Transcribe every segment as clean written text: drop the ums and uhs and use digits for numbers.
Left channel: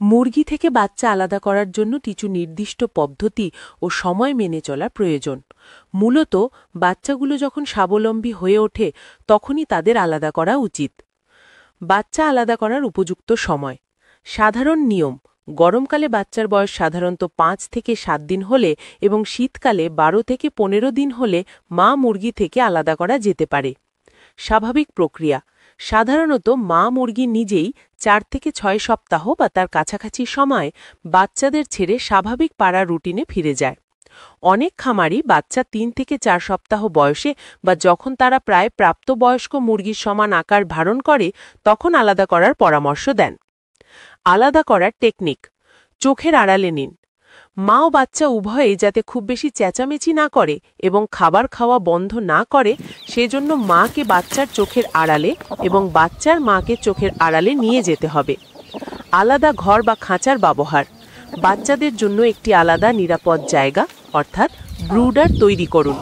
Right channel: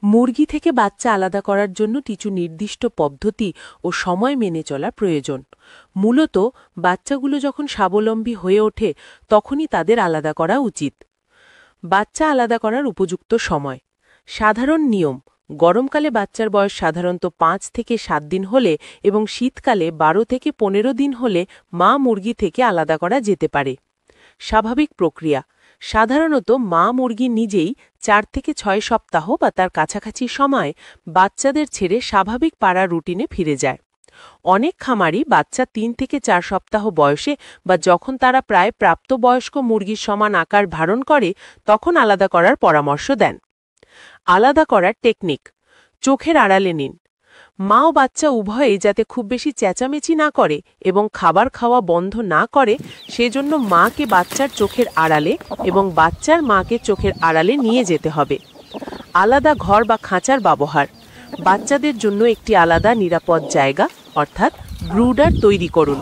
মুরগি থেকে বাচ্চা আলাদা করার জন্য কিছু নির্দিষ্ট পদ্ধতি ও সময় মেনে চলা প্রয়োজন। মূলত বাচ্চাগুলো যখন স্বাবলম্বী হয়ে ওঠে তখনই তাদের আলাদা করা উচিত। বাচ্চা আলাদা করার উপযুক্ত সময়। সাধারণ নিয়ম: গরমকালে বাচ্চার বয়স সাধারণত 5 থেকে 7 দিন হলে এবং শীতকালে 12 থেকে 15 দিন হলে মা মুরগি থেকে আলাদা করা যেতে পারে। স্বাভাবিক প্রক্রিয়া: সাধারণত মা মুরগি নিজেই 4 থেকে 6 সপ্তাহ বা তার কাছাকাছি সময় বাচ্চাদের ছেড়ে স্বাভাবিক পাড়া রুটিনে ফিরে যায়। অনেক খামারি বাচ্চা 3 থেকে 4 সপ্তাহ বয়সে বা যখন তারা প্রায় প্রাপ্তবয়স্ক মুরগির সমান আকার ধারণ করে তখন আলাদা করার পরামর্শ দেন। আলাদা করার টেকনিক: চোখের আড়ালে নিন। মা ও বাচ্চা উভয়েই যাতে খুব বেশি চেঁচামেচি না করে এবং খাবার খাওয়া বন্ধ না করে সেজন্য মাকে বাচ্চার চোখের আড়ালে এবং বাচ্চার মাকে চোখের আড়ালে নিয়ে যেতে হবে। আলাদা ঘর বা খাঁচার ব্যবহার: বাচ্চাদের জন্য একটি আলাদা নিরাপদ জায়গা অর্থাৎ ব্রুডার তৈরি করুন।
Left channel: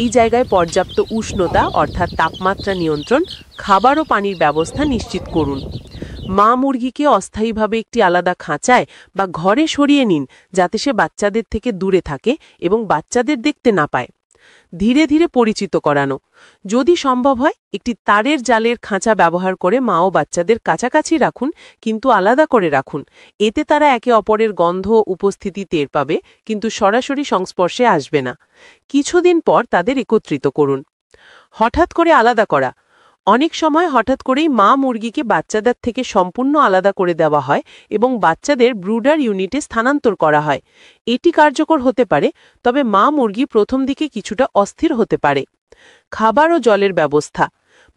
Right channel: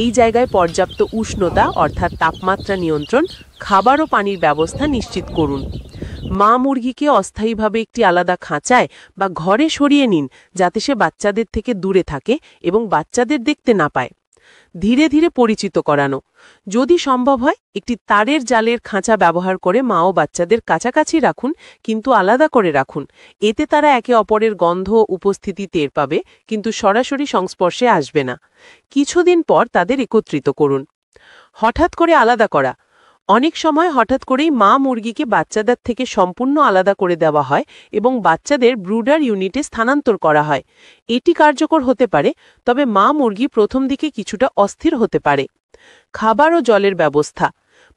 এই জায়গায় পর্যাপ্ত উষ্ণতা অর্থাৎ তাপমাত্রা নিয়ন্ত্রণ, খাবার ও পানির ব্যবস্থা নিশ্চিত করুন। মা মুরগিকে অস্থায়ীভাবে একটি আলাদা খাঁচায় বা ঘরে সরিয়ে নিন যাতে সে বাচ্চাদের থেকে দূরে থাকে এবং বাচ্চাদের দেখতে না পায়। ধীরে ধীরে পরিচিত করানো: যদি সম্ভব হয় একটি তারের জালের খাঁচা ব্যবহার করে মা ও বাচ্চাদের কাছাকাছি রাখুন, কিন্তু আলাদা করে রাখুন। এতে তারা একে অপরের গন্ধ উপস্থিতি টের পাবে কিন্তু সরাসরি সংস্পর্শে আসবে না। কিছুদিন পর তাদের একত্রিত করুন। হঠাৎ করে আলাদা করা: অনেক সময় হঠাৎ করেই মা মুরগিকে বাচ্চাদের থেকে সম্পূর্ণ আলাদা করে দেওয়া হয় এবং বাচ্চাদের ব্রুডার ইউনিটে স্থানান্তর করা হয়। এটি কার্যকর হতে পারে, তবে মা মুরগি প্রথম দিকে কিছুটা অস্থির হতে পারে। খাবার ও জলের ব্যবস্থা:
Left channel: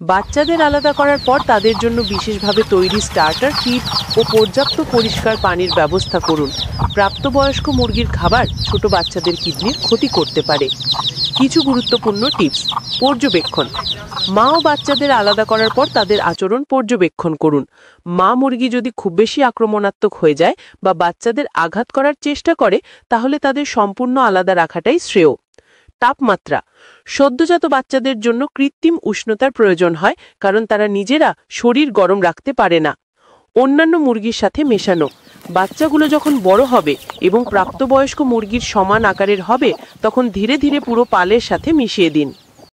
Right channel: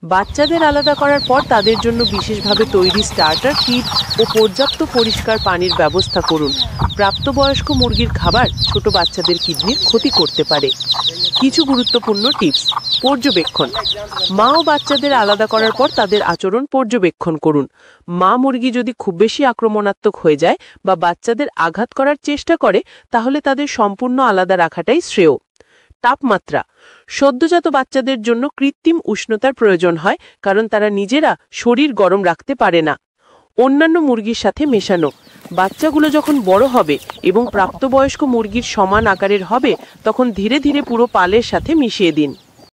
বাচ্চাদের আলাদা করার পর তাদের জন্য বিশেষভাবে তৈরি স্টার্টার কিট ও পর্যাপ্ত পরিষ্কার পানির ব্যবস্থা করুন। প্রাপ্তবয়স্ক মুরগির খাবার ছোট বাচ্চাদের কিডনির ক্ষতি করতে পারে। কিছু গুরুত্বপূর্ণ টিপস: পর্যবেক্ষণ: মা ও বাচ্চাদের আলাদা করার পর তাদের আচরণ পর্যবেক্ষণ করুন। মা মুরগি যদি খুব বেশি আক্রমণাত্মক হয়ে যায় বা বাচ্চাদের আঘাত করার চেষ্টা করে তাহলে তাদের সম্পূর্ণ আলাদা রাখাটাই শ্রেয়। তাপমাত্রা: সদ্যজাত বাচ্চাদের জন্য কৃত্রিম উষ্ণতার প্রয়োজন হয় কারণ তারা নিজেরা শরীর গরম রাখতে পারে না। অন্যান্য মুরগির সাথে মেশানো: বাচ্চাগুলো যখন বড় হবে এবং প্রাপ্তবয়স্ক মুরগির সমান আকারের হবে তখন ধীরে ধীরে পুরো পালের সাথে মিশিয়ে দিন।